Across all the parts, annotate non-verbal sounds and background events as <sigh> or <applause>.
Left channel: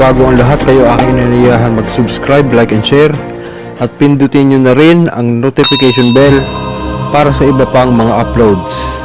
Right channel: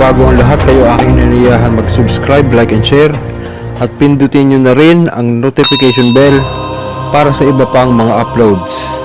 bago ang lahat, kayo aking inaniyahan mag-subscribe, like, and share. At pindutin nyo na rin ang notification bell para sa iba pang mga uploads.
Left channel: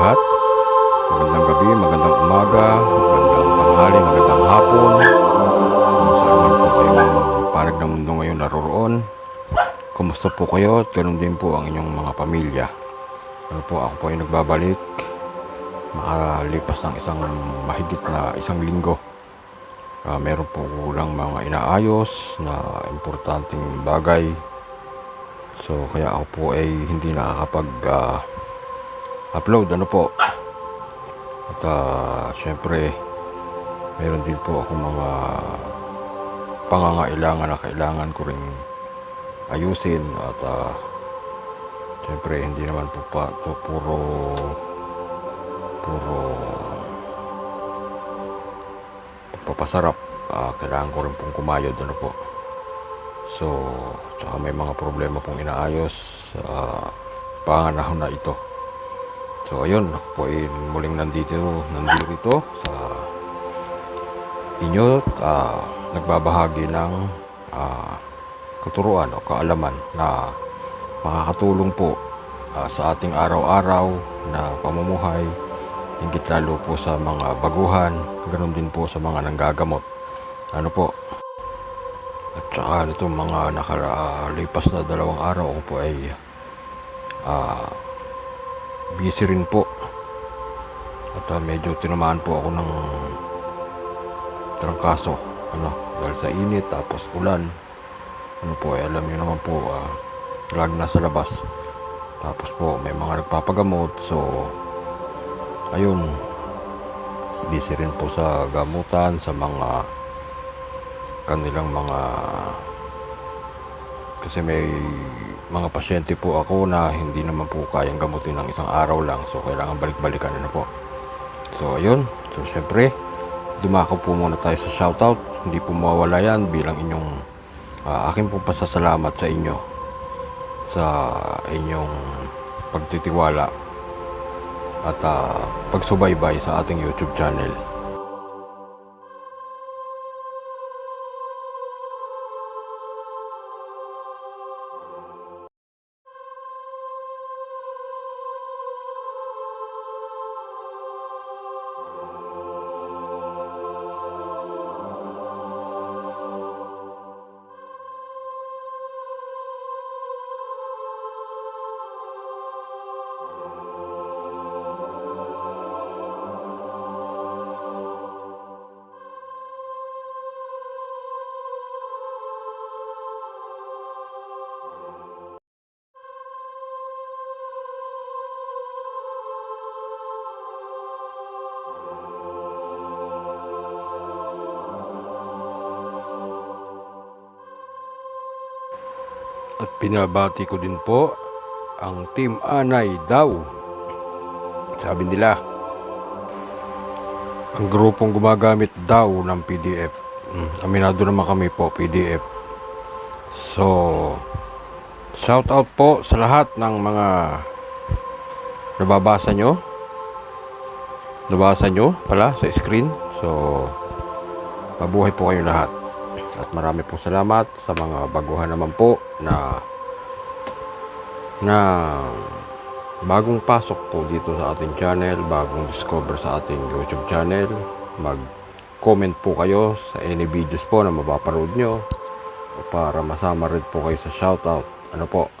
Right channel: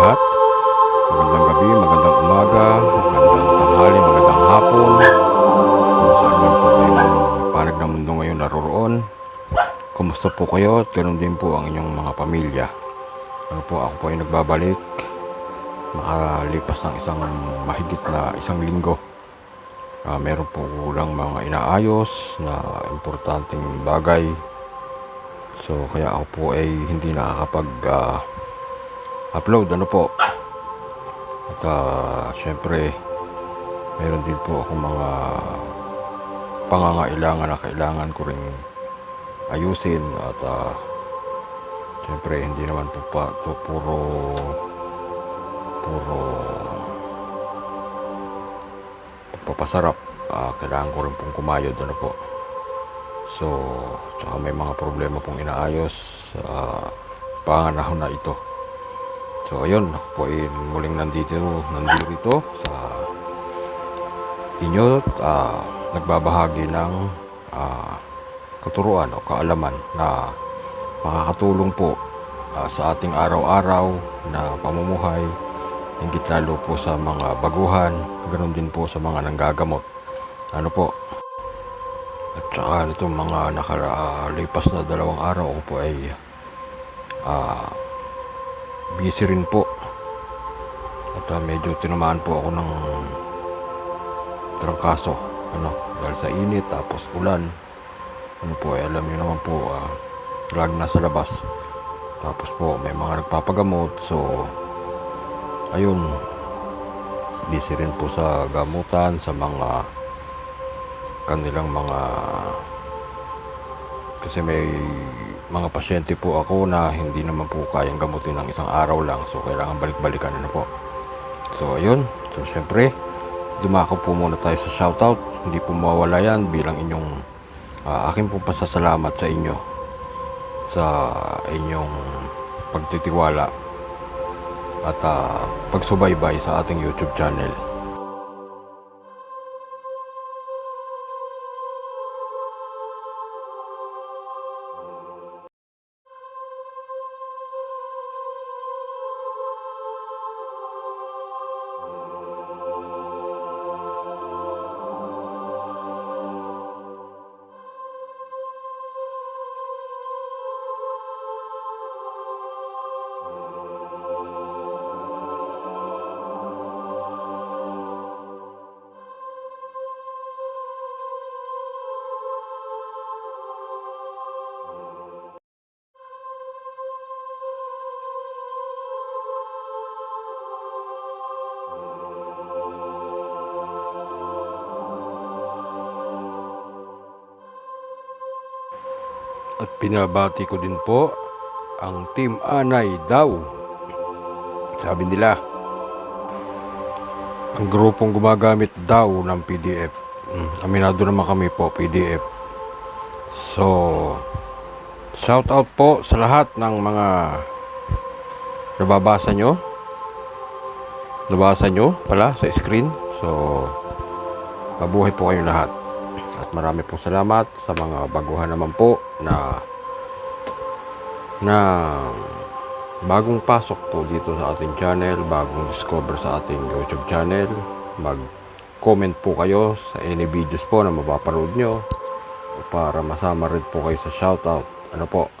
Lahat. Magandang gabi, magandang umaga, magandang tanghali, magandang hapon. Kung saan man po kayong panig ng mundo ngayon naroroon. Kumusta po kayo at ganun din po ang inyong mga pamilya. Ano po, ako po ay nagbabalik. Makalipas ng isang mahigit na isang linggo. Ah, meron po lang mga inaayos na importanteng bagay So kaya ako po ay hindi nakakapag ah, upload ano po. At ah, syempre meron din po ako mga pangangailangan na kailangan ko ring ayusin at ah, syempre hindi naman po pa to puro puro papasarap Ah, kailangan ko rin pong kumayod ano po So, tsaka may mga problema pong inaayos sa panganahon na ito. So, ayun, ako po ay muling nandito, nandito sa inyo, ah, nagbabahagi ng ah, katuruan o kaalaman na makakatulong po ah, sa ating araw-araw na pamumuhay, higit lalo po sa mga baguhan, ganun din po sa mga nanggagamot. Ano po, at saka nito mga nakalipas na dalawang araw ako po ay ah, busy rin po. At ah, medyo tinamaan po ako ng trangkaso. Ano, dahil sa init tapos ulan. Ano po, eh, alam niyo naman po, ah, lag na sa labas. Tapos po, may mga nagpapagamot. So, ayun, busy rin po sa gamutan, sa mga kanilang mga kasi may mga pasyente po ako na hindi naman po kayang gamutin ng isang araw lang. So kailangan balik-balikan na po. So ayun. So syempre dumako po muna tayo sa shoutout. Hindi po mawawala yan bilang inyong ah, akin pong pasasalamat sa inyo sa inyong pagtitiwala at ah, pagsubaybay sa ating YouTube channel At pinabati ko din po ang Team Anay daw. Sabi nila, ang grupong gumagamit daw ng PDF. Hmm, aminado naman kami po, PDF. So, shout out po sa lahat ng mga nababasa nyo. Nabasa nyo pala sa screen. So, mabuhay po kayong lahat. At marami po salamat sa mga baguhan naman po na na bagong pasok po dito sa ating channel, bagong discover sa ating YouTube channel. Mag-comment po kayo sa any videos po na mapapanood nyo para masama rin po kayo sa shoutout. Ano po?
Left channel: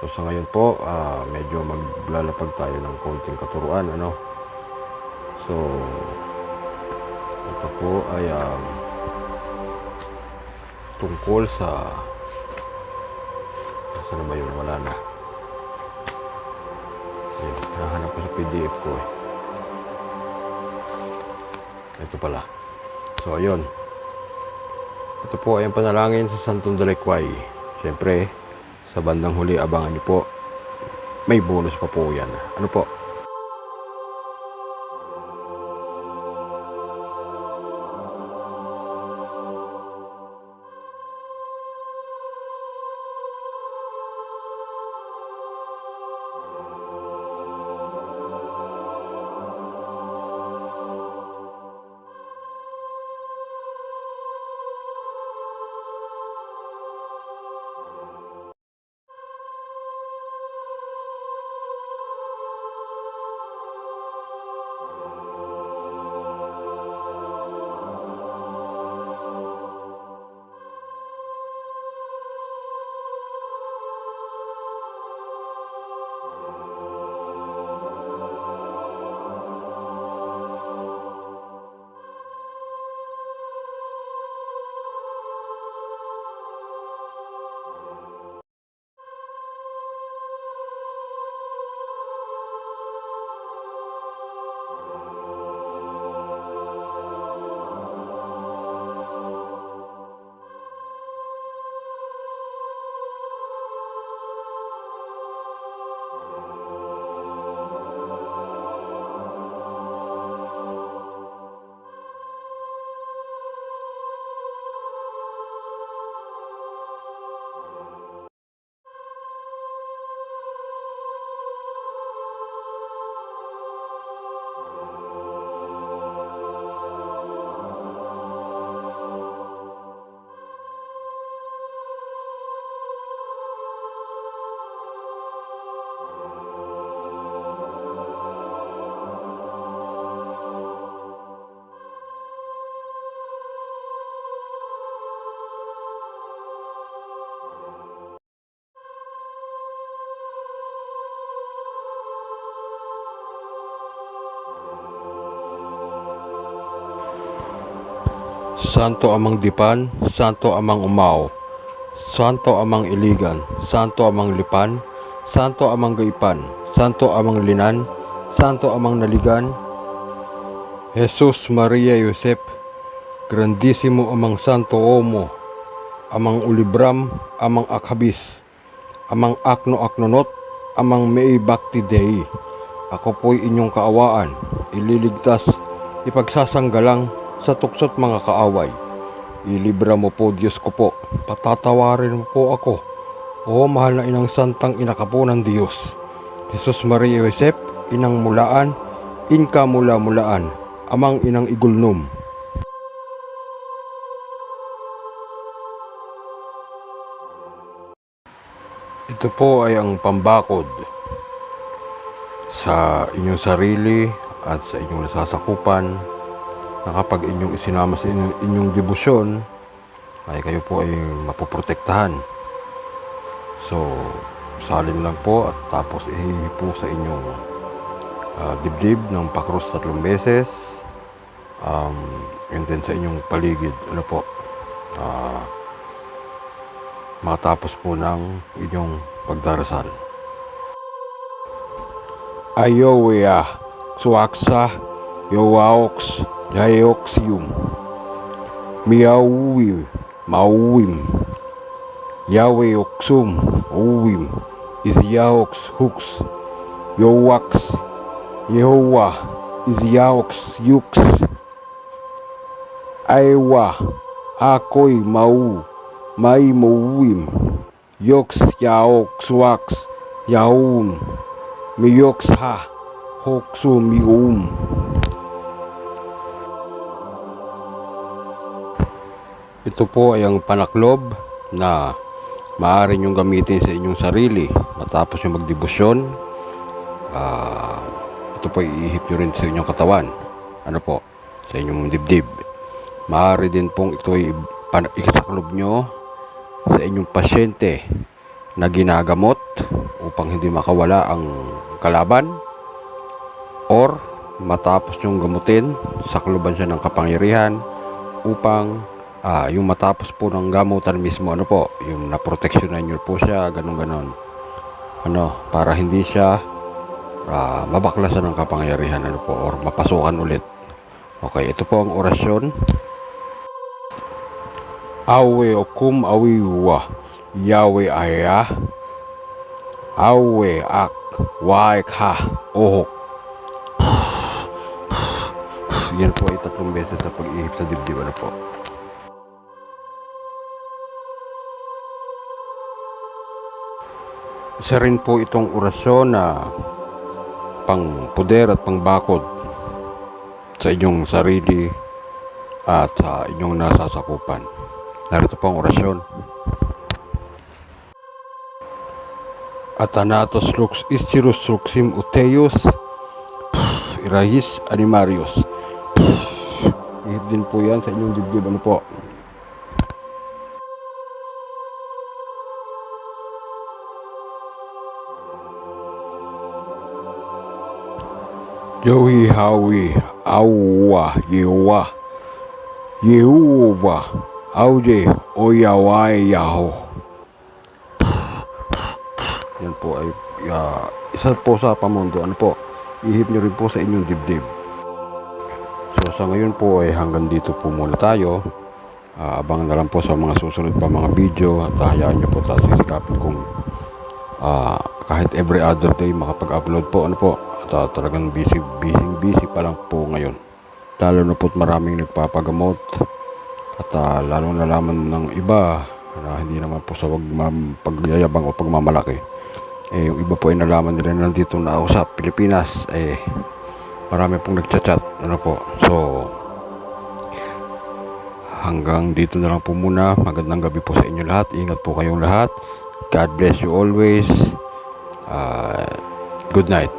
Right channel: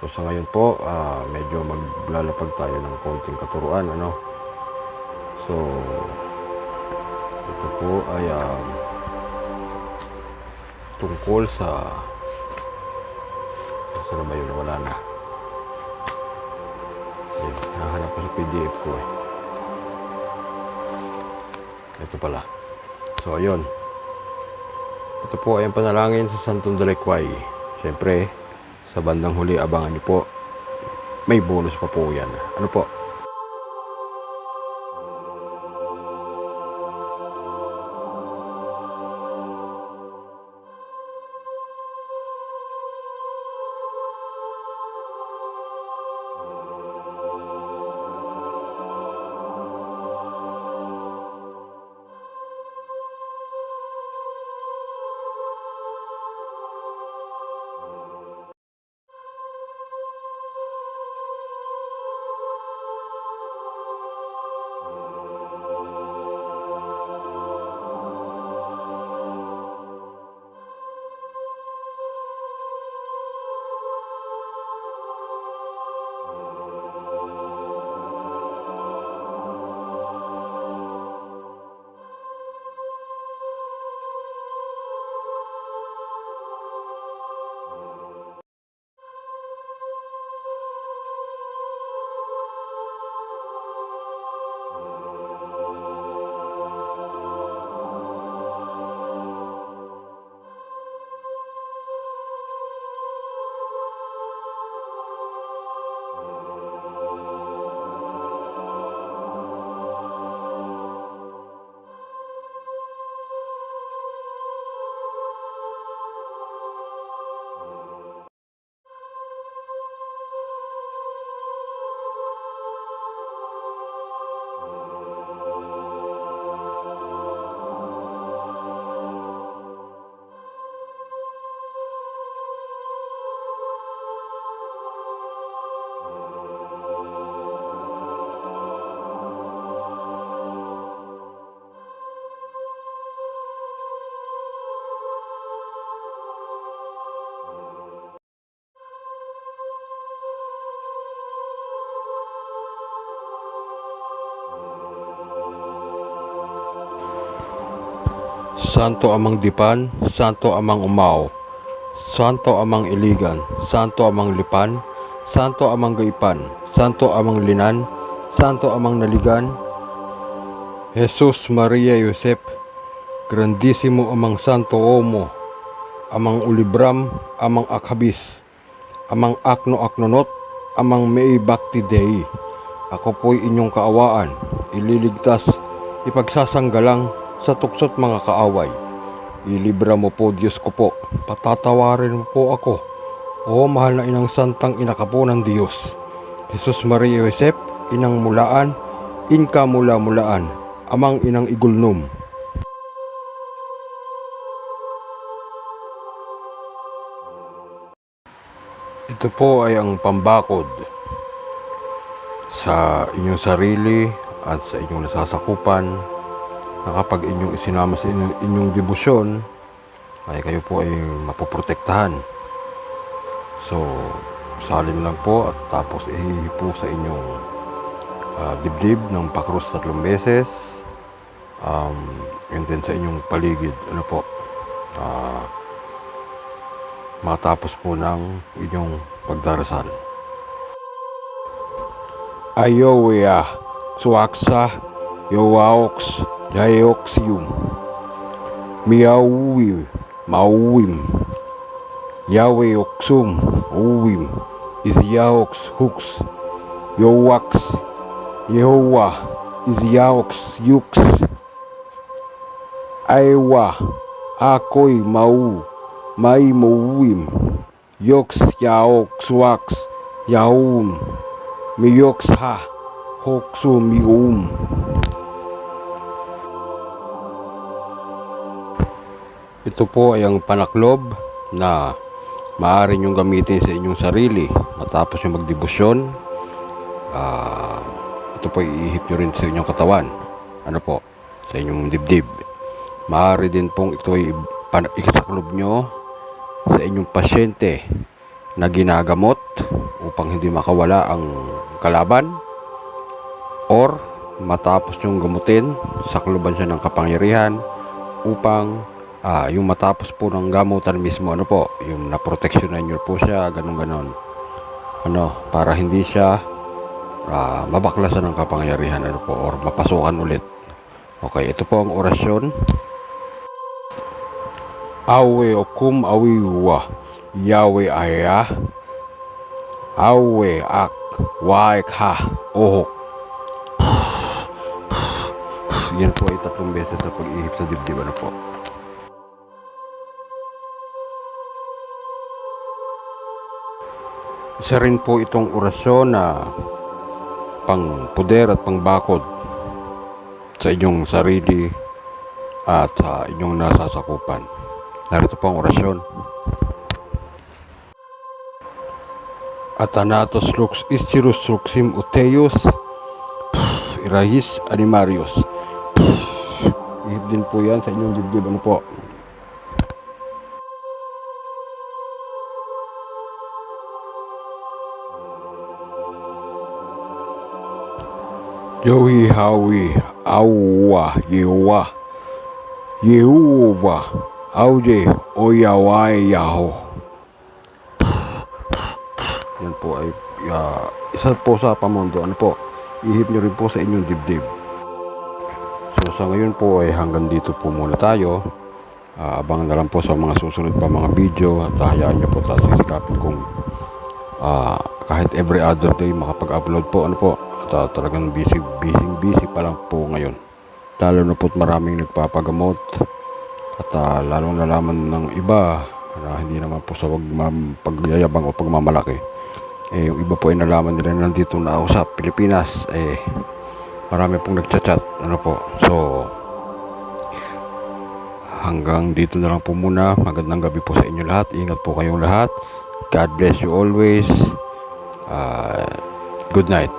So sa ngayon po, ah, medyo maglalapag tayo ng konting katuruan. Ano? So, ito po ay um, tungkol sa Saan ba yun? Wala na. Ayun, nahanap ko sa PDF ko eh. Ito pala. So, ayun. Ito po ay ang panalangin sa Santong Dalakway. Siyempre, sa bandang huli, abangan niyo po. May bonus pa po yan. Ano po? Santo Amang Dipan, Santo Amang Umao, Santo Amang Iligan, Santo Amang Lipan, Santo Amang Gaipan, Santo Amang Linan, Santo Amang Naligan, Jesus Maria Yosep, Grandissimo Amang Santo Omo, Amang Ulibram, Amang Akhabis, Amang Akno Aknonot, Amang Mei Bhakti Dei. Ako po'y inyong kaawaan, ililigtas, ipagsasanggalang sa tuksot mga kaaway. Ilibra mo po Diyos ko po, patatawarin mo po ako. O mahal na inang santang po ng Diyos. Jesus Maria Josep, inang mulaan, inka mula mulaan, amang inang igulnum. Ito po ay ang pambakod sa inyong sarili at sa inyong nasasakupan na kapag inyong isinama sa inyong, inyong debosyon ay kayo po ay mapoprotektahan. So, salin lang po at tapos ihipo sa inyong ah, dibdib ng pakrus tatlong beses um, and then sa inyong paligid ano po ah, matapos po ng inyong pagdarasal. Ayowea, Suaksa, Yowaox, dioxyum miauwim mauwim yaweoxum uwim isiaox hux. Yowax yehowa. Isiaox yux. Aewa akoi mau. Maimouwim yox yaoxwax yaum miyox ha. Hoxum Yum. Ito po ay ang panaklob na maaari niyong gamitin sa inyong sarili matapos yung magdebosyon. Ah, ito po iihip nyo rin sa inyong katawan. Ano po? Sa inyong dibdib. Maaari din pong ito ay ikasaklob nyo sa inyong pasyente na ginagamot upang hindi makawala ang kalaban or matapos nyong gamutin, sakloban siya ng kapangyarihan upang ah, yung matapos po ng gamutan mismo, ano po, yung naproteksyonan nyo po siya, ganun ganon. Ano, para hindi siya ah, mabaklasan ng kapangyarihan, ano po, or mapasukan ulit. Okay, ito po ang orasyon. Awe okum awiwa, Yahweh aya, Awe ak, waik ha, ohok. <sighs> <sighs> <sighs> Yan po ay tatlong beses sa pag-ihip sa dibdib, ano po. Isa rin po itong orasyon na pang puder at pangbakod sa inyong sarili at sa inyong nasasakupan. Narito po ang orasyon. Atanatos lux istirus luxim uteus irahis animarius. Ihip din po yan sa inyong dibdib. Ano po? Yohi hawi awa yewa Yehuwa aude oyawai yaho. Yan po ay ah, isa po sa pamundo. Ano po? Ihip nyo rin po sa inyong dibdib. So sa ngayon po ay hanggang dito po muna tayo. Ah, abangan na lang po sa mga susunod pa mga video at hayaan nyo po tayo sisikapin kung ah, kahit every other day makapag-upload po ano po at ah, talagang busy busy busy pa lang po ngayon. Lalo na po't maraming nagpapagamot. At ah, lalong nalaman ng iba na hindi naman po sa wag pagyayabang o pagmamalaki. Eh yung iba po ay nalaman nila na nandito na ako sa Pilipinas eh marami pong nagchat-chat ano po? So hanggang dito na lang po muna. Magandang gabi po sa inyo lahat. Ingat po kayong lahat. God bless you always. Ah, good night